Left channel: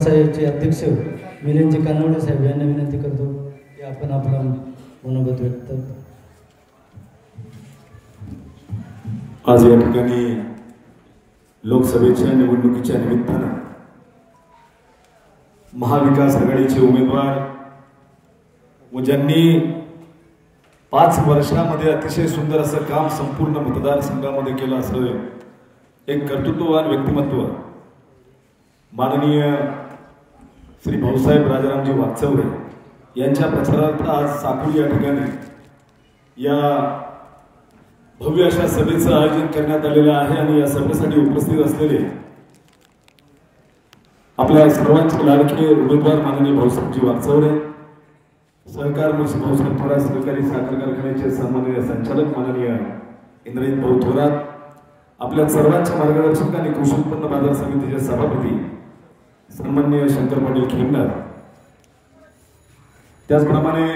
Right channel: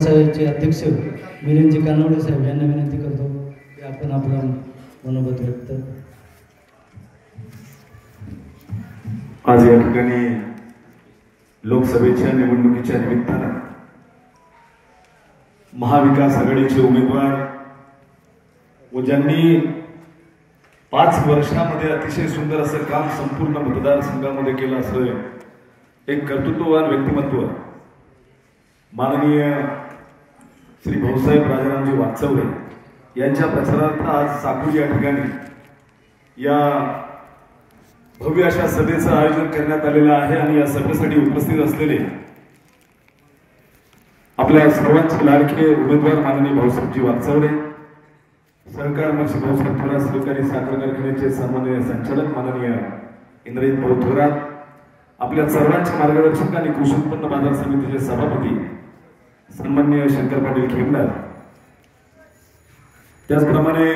चे अध्यक्ष विनंती कानवडे साहेब यांना विनंती करतो की आपण आपला मनोगत व्यक्त. आज या ठिकाणी लोकसभेच्या निवडणुकीच्या निमित्तानं महाविकास आघाडीचे उमेदवार व ज्यांनी 5 वर्षांमध्ये अतिशय सुंदर असं काम संपूर्ण मतदारसंघामध्ये केलं असं एक कर्तृत्ववान व्यक्तिमत्व माननीय श्री भाऊसाहेब राजारामजी वागचौरे यांच्या प्रचारार्थ आज साकूर या ठिकाणी या भव्य अशा सभेचं आयोजन करण्यात आलेलं आहे. आणि या सभेसाठी उपस्थित असलेले आपल्या सर्वांचे लाडके उमेदवार माननीय भाऊसाहेबजी वागचौरे, सहकार मंत्री भाऊसाहेब थोरात, सहकारी साखर कारखान्याचे सन्माननीय संचालक माननीय इंद्रजित भाऊ थोरात, आपल्या सर्वांचे मार्गदर्शक आणि कृषी उत्पन्न बाजार समितीचे सभापती सन्माननीय शंकर पाटील खेमदार, त्याचप्रमाणे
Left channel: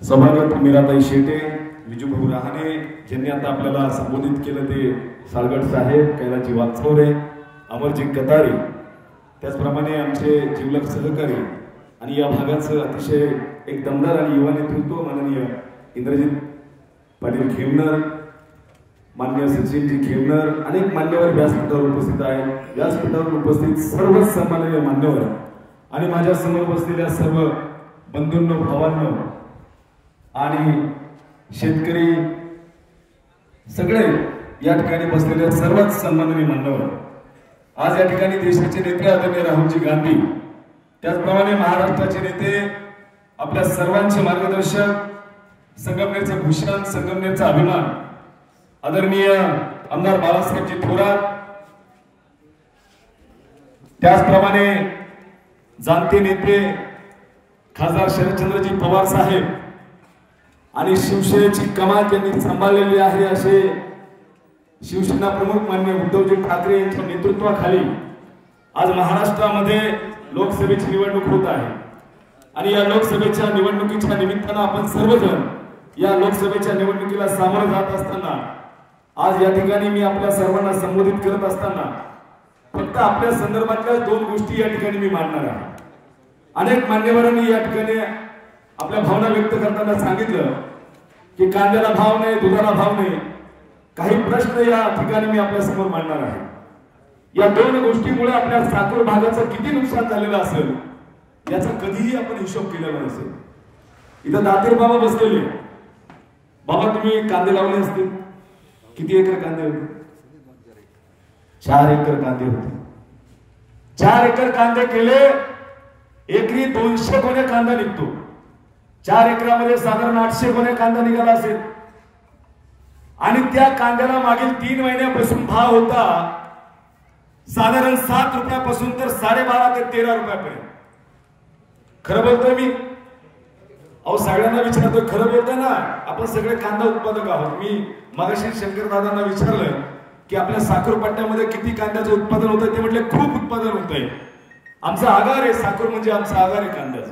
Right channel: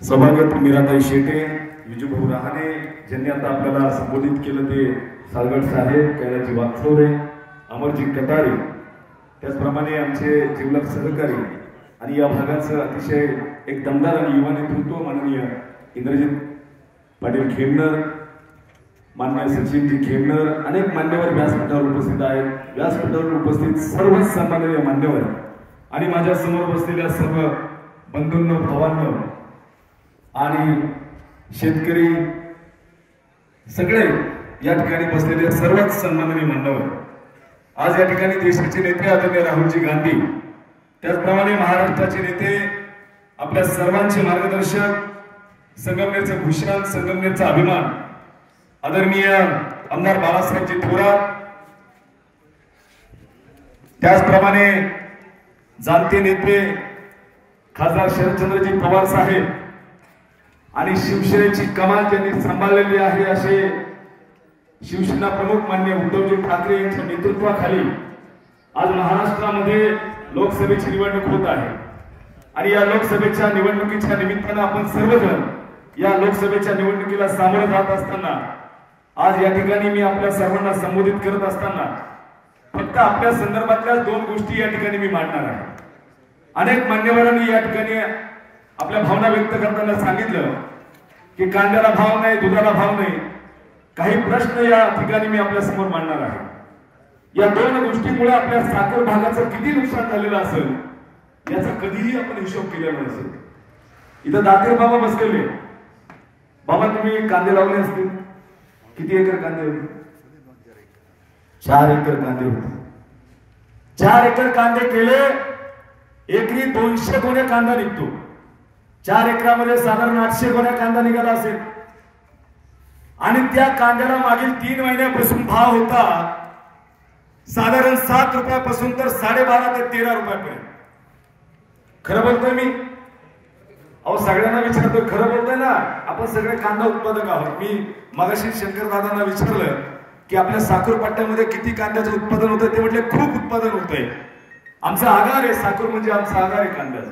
सभागत मीराताई शेटे, विजूभाऊ रहाणे, ज्यांनी आता आपल्याला संबोधित केलं ते सालगड साहेब, कैलाजी वागचौरे, अमरजी कतारे, त्याचप्रमाणे आमचे जिवलग सहकारी आणि या भागाचं अतिशय एक दमदार आणि युवा नेतृत्व माननीय इंद्रजित पाटील खेमनर, मान्य सचिनजी खेमनर, अनेक मान्यवर व्यासपीठावर उपस्थित आहेत. व्यासपीठावर उपस्थित सर्वच सन्माननीय मान्यवर आणि माझ्या समोर बसलेल्या सर्व बंधूंनो, भावांनो आणि शेतकरी सगळे या ठिकाणी बसलेले सर्वच सन्माननीय मान्यवर, आज या ठिकाणी देशाचे नेते आदरणीय राहुलजी गांधी, त्याचप्रमाणे महाराष्ट्राचे नेते, आपल्या सर्वांचे मार्गदर्शक, संगमनेरचं भूषण, संगमनेरचा अभिमान आदरणीय आमदार बाळासाहेबजी थोरात, त्याचप्रमाणे जाणते नेते खासदार शरदचंद्रजी पवार साहेब आणि शिवसेनेची कमान त्यांनी सांभाळलेली आहे असे शिवसेना प्रमुख माननीय उद्धवजी ठाकरे यांच्या नेतृत्वाखाली आज महाराष्ट्रामध्ये लोकसभेची निवडणूक होत आहे. आणि या लोकसभेच्या निवडणुकीच्या निमित्तानं आपण सर्वजण या लोकसभेच्या निवडणुकीला सामोरं जात असताना आज या ठिकाणी मी आपल्या सर्वांना संबोधित करत असताना फक्त आपल्या संदर्भातल्या 2 गोष्टी या ठिकाणी मी मांडणार आहे. अनेक मान्यवरांनी या ठिकाणी आपल्या भावना व्यक्त करताना सांगितलं की कांद्याला भाव नाही, दुधाला भाव नाही. काही प्रश्न या ठिकाणी मी आपल्या समोर मांडणार आहे. या 2 गोष्टीमुळे आपल्या साकूर भागाचं किती नुकसान झालेलं असेल याचा कधीही आपण हिशोब केलेला नसेल. इथं दातीर बाबा बसलेले. बाबा, तुम्ही कांदे लावले असतील, किती एकर कांदे होते? 4 एकर कांदे होते. 4 एकर कांदे केले, एकरी 200 गोण्या कांदा निघतो. 4 एकरामध्ये साधारण 800 गोण्या कांदा निघाला असेल. आणि त्या कांद्याला मागील 3 महिन्यापासून भाव होता साधारण 7 रुपयापासून तर 12.5 ते 13 रुपयापर्यंत. खरं बोलतोय मी? अहो, सगळ्यांना विचारतो, खरं बोलतोय ना? आपण सगळे कांदा उत्पादक आहोत. मी मगाशी शंकर दादांना विचारलं की आपल्या साखर पट्ट्यामध्ये किती कांद्याचं उत्पादन होतं, ते म्हटले खूप उत्पादन होतंय. आमचा आगार आहे, साखर म्हणजे आमचा आगार आहे कांद्याचा.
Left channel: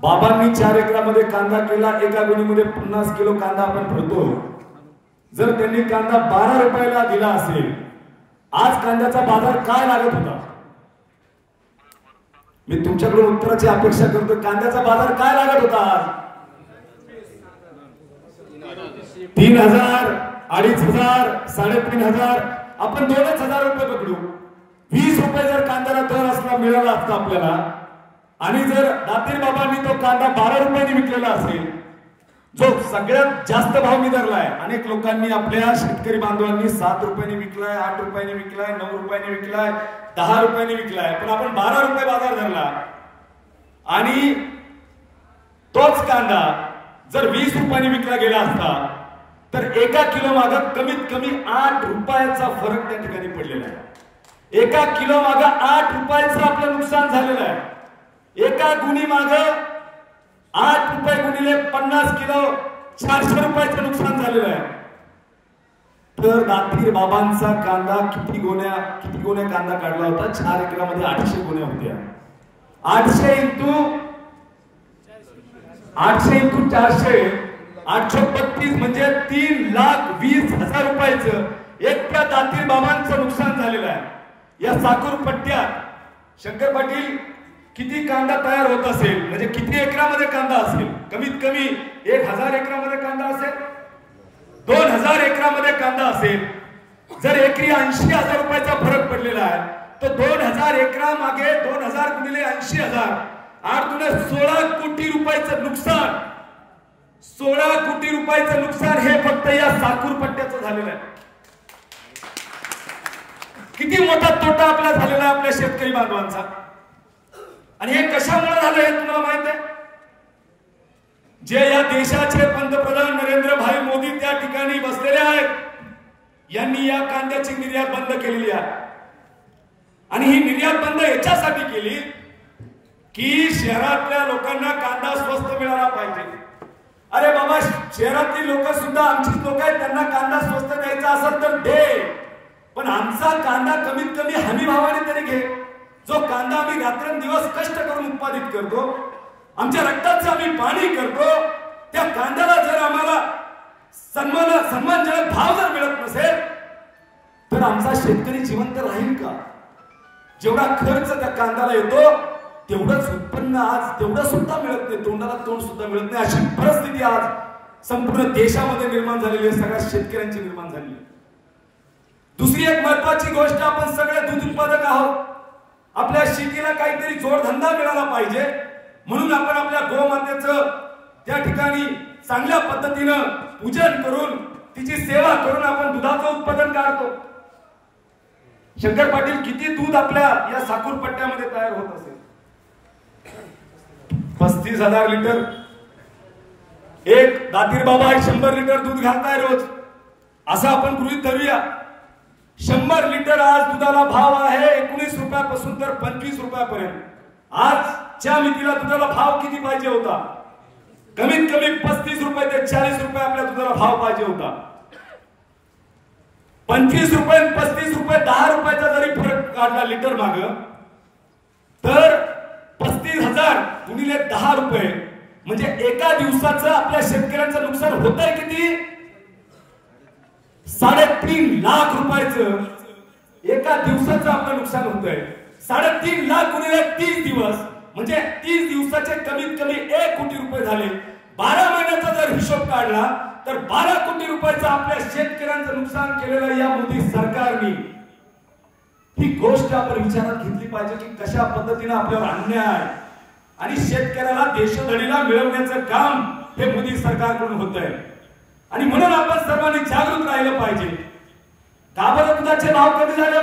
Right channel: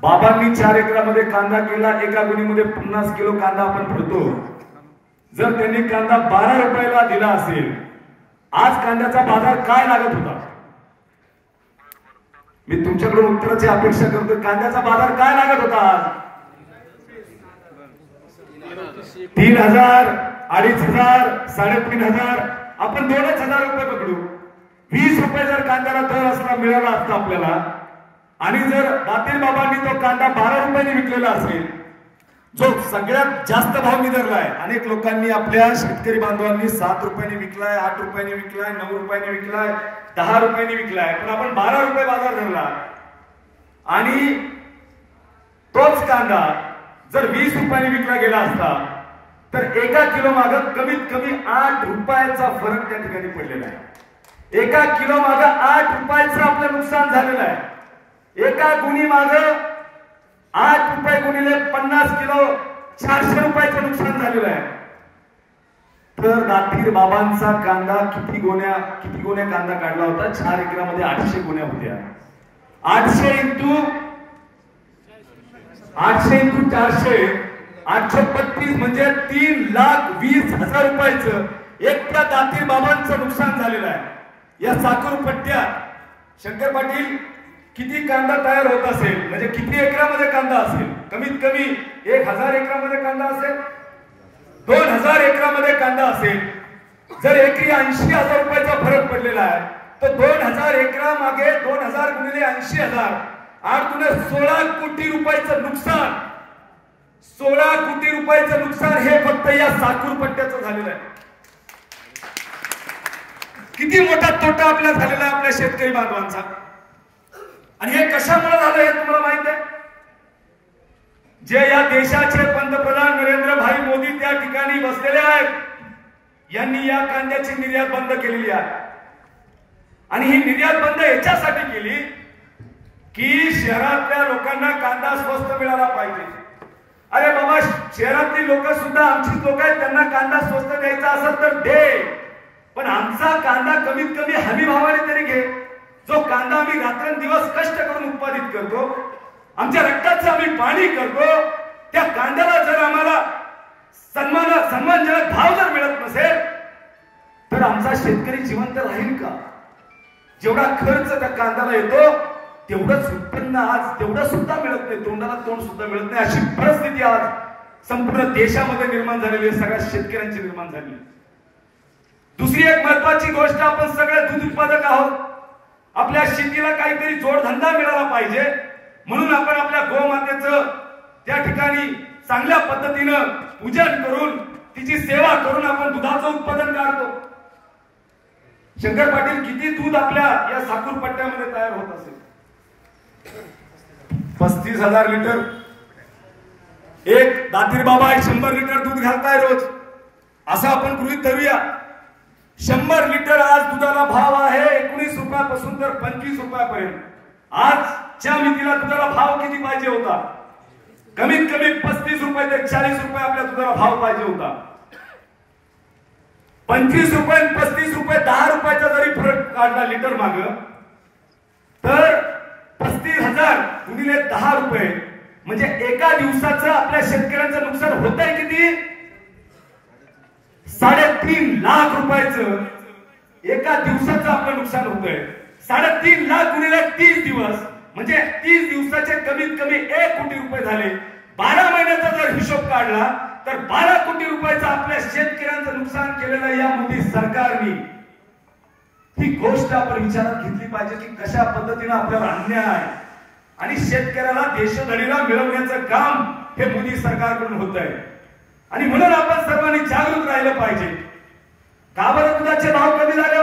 बाबांनी 4 एकरामध्ये कांदा केला, एका गुणीमध्ये 50 किलो कांदा आपण भरतो. जर त्यांनी कांदा 12 रुपयाला दिला असेल, आज कांद्याचा बाजार काय लागत होता? मी तुमच्याकडून उत्तराची अपेक्षा करतोय. कांद्याचा बाजार काय लागत होता आज? 3,000, 2,500, 3,500, आपण 2,000 रुपये पकडू. 20 रुपये जर कांद्याला दर असला मिळाला असता आपल्याला, आणि जर दातीर बाबांनी तो कांदा 12 रुपयांनी विकलेला असेल, जो सगळ्यात जास्त भाव विदरलाय. अनेक लोकांनी, आपल्या शेतकरी बांधवांनी 7 रुपयांनी विकलाय, 8 रुपयांनी विकलाय, 9 रुपयांनी विकलाय, 10 रुपयांनी विकलाय, पण आपण 12 रुपये बाजार धरला. आणि तोच कांदा जर 20 रुपयांनी विकला गेला असता तर एका किलो मागे कमीत कमी 8 रुपयाचा फरक त्या ठिकाणी पडलेला आहे. एका किलो मागे 8 रुपयाचं आपलं नुकसान झालेलं आहे. एका गुणी मागे 8 रुपये गुणिले 50 किलो 400 रुपयाचं नुकसान झालेलं आहे. तर दातीर बाबांचा कांदा किती गोण्या कांदा काढला होता? 4 एकरामध्ये 800 गोण्या होत्या. 800 इंटू 400, 832 म्हणजे 3,20,000 रुपयाचं एकट्या दातीर बाबांचं नुकसान झालेलं आहे. या साखर पट्ट्या शंकर पाटील किती कांदा तयार होत असेल, म्हणजे किती एकरामध्ये कांदा असेल? कमीत कमी 1000 एकरामध्ये कांदा असेल, 2000 एकरामध्ये कांदा असेल. जर एकरी 80,000 रुपयाचा फरक पडलेला आहे तर 2000 एकरा मागे 2000 गुणिले 80,000 16 कोटी रुपयाचं नुकसान. 16 कोटी रुपयाचं नुकसान हे फक्त या साखर पट्ट्याचं झालेलं आहे. किती मोठा तोटा आपल्याला झालेला आहे आपल्या शेतकरी बांधवांचा. आणि हे कशामुळे झालं हे तुम्हाला माहित आहे? जे या देशाचे पंतप्रधान नरेंद्र भाई मोदी त्या ठिकाणी बसलेले आहेत, यांनी या कांद्याची निर्यात बंद केलेली आहे. आणि ही निर्यात बंद याच्यासाठी केली की शहरातल्या लोकांना कांदा स्वस्त मिळाला पाहिजे. अरे बाबा, शहरातली लोक सुद्धा आमचीच लोक आहेत, त्यांना कांदा स्वस्त द्यायचा असेल तर दे, पण आमचा कांदा कमीत कमी हमी भावाने तरी घे. जो कांदा आम्ही रात्रंदिवस कष्ट करून उत्पादित करतो, आमच्या रक्ताचं आम्ही पाणी करतो, त्या कांद्याला जर आम्हाला सन्मानजनक भाव जर मिळत नसेल तर आमचा शेतकरी जिवंत राहील का? जेवढा खर्च त्या कांद्याला येतो तेवढंच उत्पन्न आज तेवढं सुद्धा मिळत नाही, तोंडाला तोंड सुद्धा मिळत नाही. अशी परिस्थिती आज संपूर्ण देशामध्ये निर्माण झालेली आहे, सगळ्या शेतकऱ्यांची निर्माण झालेली. दुसरी एक महत्वाची गोष्ट, आपण सगळे दूध उत्पादक आहोत, आपल्या शेतीला काहीतरी जोडधंदा मिळाला पाहिजे, म्हणून आपण आपल्या गोमातेचं त्या ठिकाणी चांगल्या पद्धतीनं पूजन करून तिची सेवा करून आपण दुधाचं उत्पादन काढतो. शंकर पाटील, किती दूध आपल्या या साखर पट्ट्यामध्ये तयार होत असेल? 35,000 लिटर. एक दातीर बाबा 100 लिटर दूध घालताय रोज, असं आपण गृहीत धरूया. 100 लिटर आज दुधाला भाव आहे 19 रुपयापासून तर 25 रुपयापर्यंत. आजच्या मितीला दुधाला भाव किती पाहिजे होता? कमीत कमी 35 रुपये ते 40 रुपये आपल्या दुधाला भाव पाहिजे होता. 25 रुपये 35 रुपये 10 रुपयाचा जरी फरक काढला लिटर माग, तर 35,000 गुणिले 10 रुपये म्हणजे एका दिवसाचं आपल्या शेतकऱ्यांचं नुकसान होत आहे किती? 3.5 लाख रुपयाचं एका दिवसाचं आपलं नुकसान होतंय. 3.5 लाख गुणिले 30 दिवस म्हणजे 30 दिवसाचे कमीत कमी 1 कोटी रुपये झाले. 12 महिन्याचा जर हिशोब काढला तर 12 कोटी रुपयाचं आपल्या शेतकऱ्यांचं नुकसान केलेलं या मोदी सरकारने. ही गोष्ट आपण विचारात घेतली पाहिजे की कशा पद्धतीने आपल्यावर अन्याय आणि शेतकऱ्याला देशोधडीला मिळवण्याचं काम हे मोदी सरकारकडून होत आहे. आणि म्हणून आपण सर्वांनी जागृत राहिलं पाहिजे. का बरं दुधाचे भाव कमी झाले?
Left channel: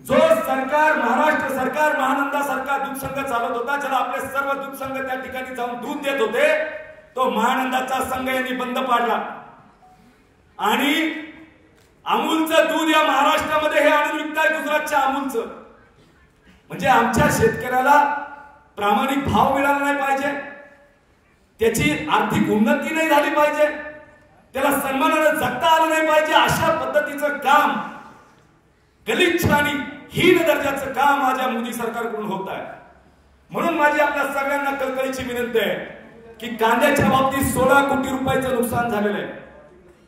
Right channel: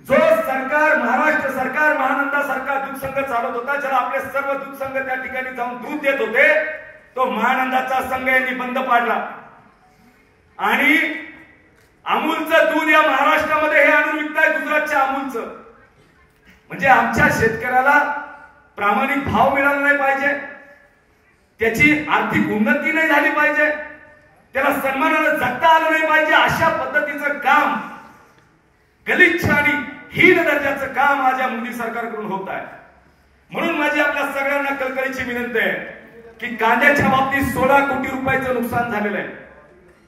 जो सरकार, महाराष्ट्र सरकार महानंदासारखा दूध संघ चालवत होता, ज्याला आपले सर्व दूध संघ त्या ठिकाणी जाऊन दूध देत होते, तो महानंदाचा संघ यांनी बंद पाडला. आणि अमूलचं दूध या महाराष्ट्रामध्ये हे आणून विकताय गुजरातच्या अमूलचं. म्हणजे आमच्या शेतकऱ्याला प्रामाणिक भाव मिळाला नाही पाहिजे, त्याची आर्थिक उन्नती नाही झाली पाहिजे, त्याला सन्मानाने जगता आलं नाही पाहिजे, अशा पद्धतीचं काम, गलिच्छ आणि हीन दर्जाचं काम माझ्या मोदी सरकारकडून होत आहे. म्हणून माझी आपल्या सगळ्यांना कळकळीची विनंती आहे की कांद्याच्या बाबतीत 16 कोटी रुपयाचं नुकसान झालेलं आहे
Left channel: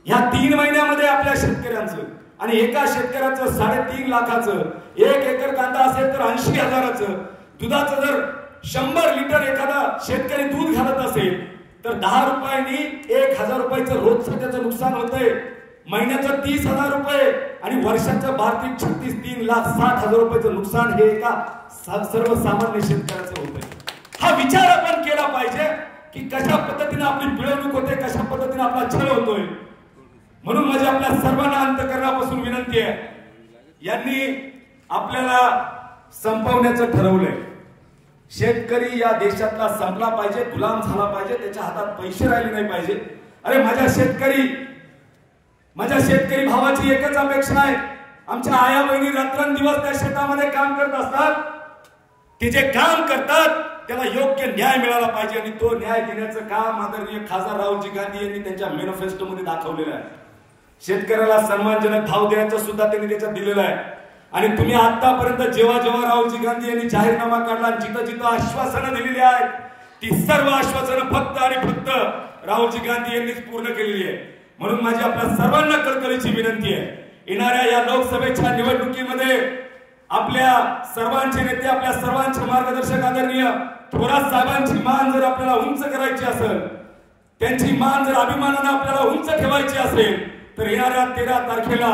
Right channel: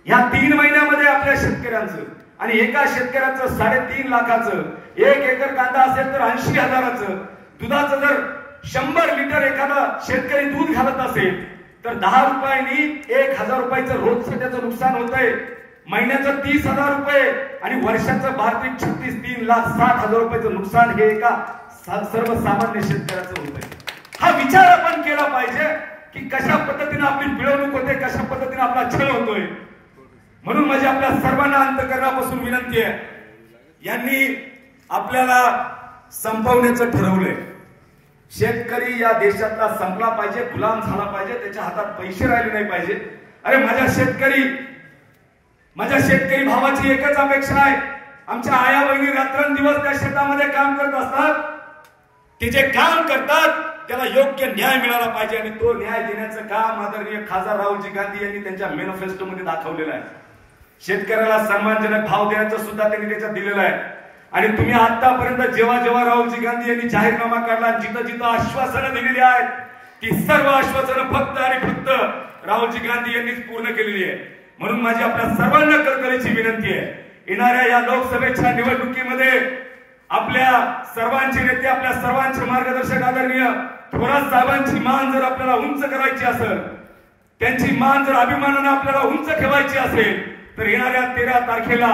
या 3 महिन्यामध्ये आपल्या शेतकऱ्यांचं. आणि एका शेतकऱ्याचं 3.5 लाखाचं, 1 एकर कांदा असेल तर 80,000चं दुधाचं जर 100 लिटर एखादा शेतकरी दूध घालत असेल तर 10 रुपयांनी 1,000 रुपयाचं रोजचं त्याचं नुकसान होतंय. महिन्याचं 30,000 रुपये आणि वर्षाचं 3,60,000 रुपयाचं नुकसान हे एका सर्वसामान्य शेतकऱ्याचं होतंय. हा विचार आपण केला पाहिजे की कशा पद्धतीने आपली पिळवणूक होते, कशा पद्धतीने आपला छळ होतोय. म्हणून माझी आपल्या सर्वांना अंतःकरणापासून विनंती आहे, यांनी आपल्याला संपवण्याचं ठरवलंय. शेतकरी या देशातला संपला पाहिजे, गुलाम झाला पाहिजे, त्याच्या हातात पैसे राहिले नाही पाहिजे. अरे माझ्या शेतकरी भावाची एकच अपेक्षा आहे, आमच्या आया बहिणी रात्रंदिवस त्या शेतामध्ये काम करत असतात, ते जे काम करतात त्याला योग्य न्याय मिळाला पाहिजे. आणि तो न्याय देण्याचं काम आदरणीय खासदार राहुलजी गांधी यांनी त्यांच्या मॅनिफेस्टोमध्ये दाखवलेलं आहे. शेतकऱ्याला सन्मानजनक भाव देण्याचं सुद्धा त्यांनी त्याच्यात दिलेलं आहे. आणि तुम्ही आतापर्यंत जेव्हा जेव्हा राहुलजी गांधी यांनी जाहीरनामा काढला, जिथं जिथं आश्वासनं दिलेली आहेत, ती सर्व आश्वासनं फक्त आणि फक्त राहुलजी गांधी यांनीच पूर्ण केलेली आहे. म्हणून माझी आपल्या सर्वांना कळकळीची विनंती आहे, येणाऱ्या या लोकसभेच्या निवडणुकीमध्ये आपल्या सर्वांचे नेते, आपल्या सर्वांचे मार्गदर्शक आदरणीय थोरात साहेबांची मान जर आपल्याला उंच करायची असेल, त्यांची मान जर अभिमानाने आपल्याला उंच ठेवायची असेल, तर येणाऱ्या 13 तारखेला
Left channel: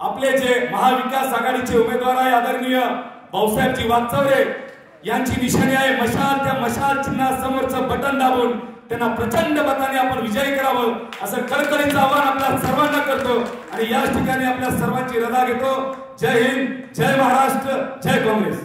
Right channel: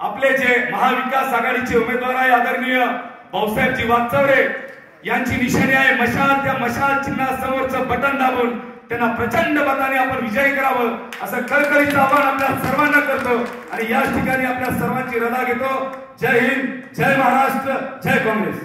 आपले जे महाविकास आघाडीचे उमेदवार आहे आदरणीय भाऊसाहेबजी वागचौरे यांची निशाणी आहे मशाल. त्या मशाल चिन्हासमोरचं बटन दाबून त्यांना प्रचंड मताने आपण विजयी करावं असं कळकळीचं आवाहन आपल्या सर्वांना करतो आणि याच ठिकाणी आपल्या सर्वांची रजा घेतो. जय हिंद, जय महाराष्ट्र, जय काँग्रेस.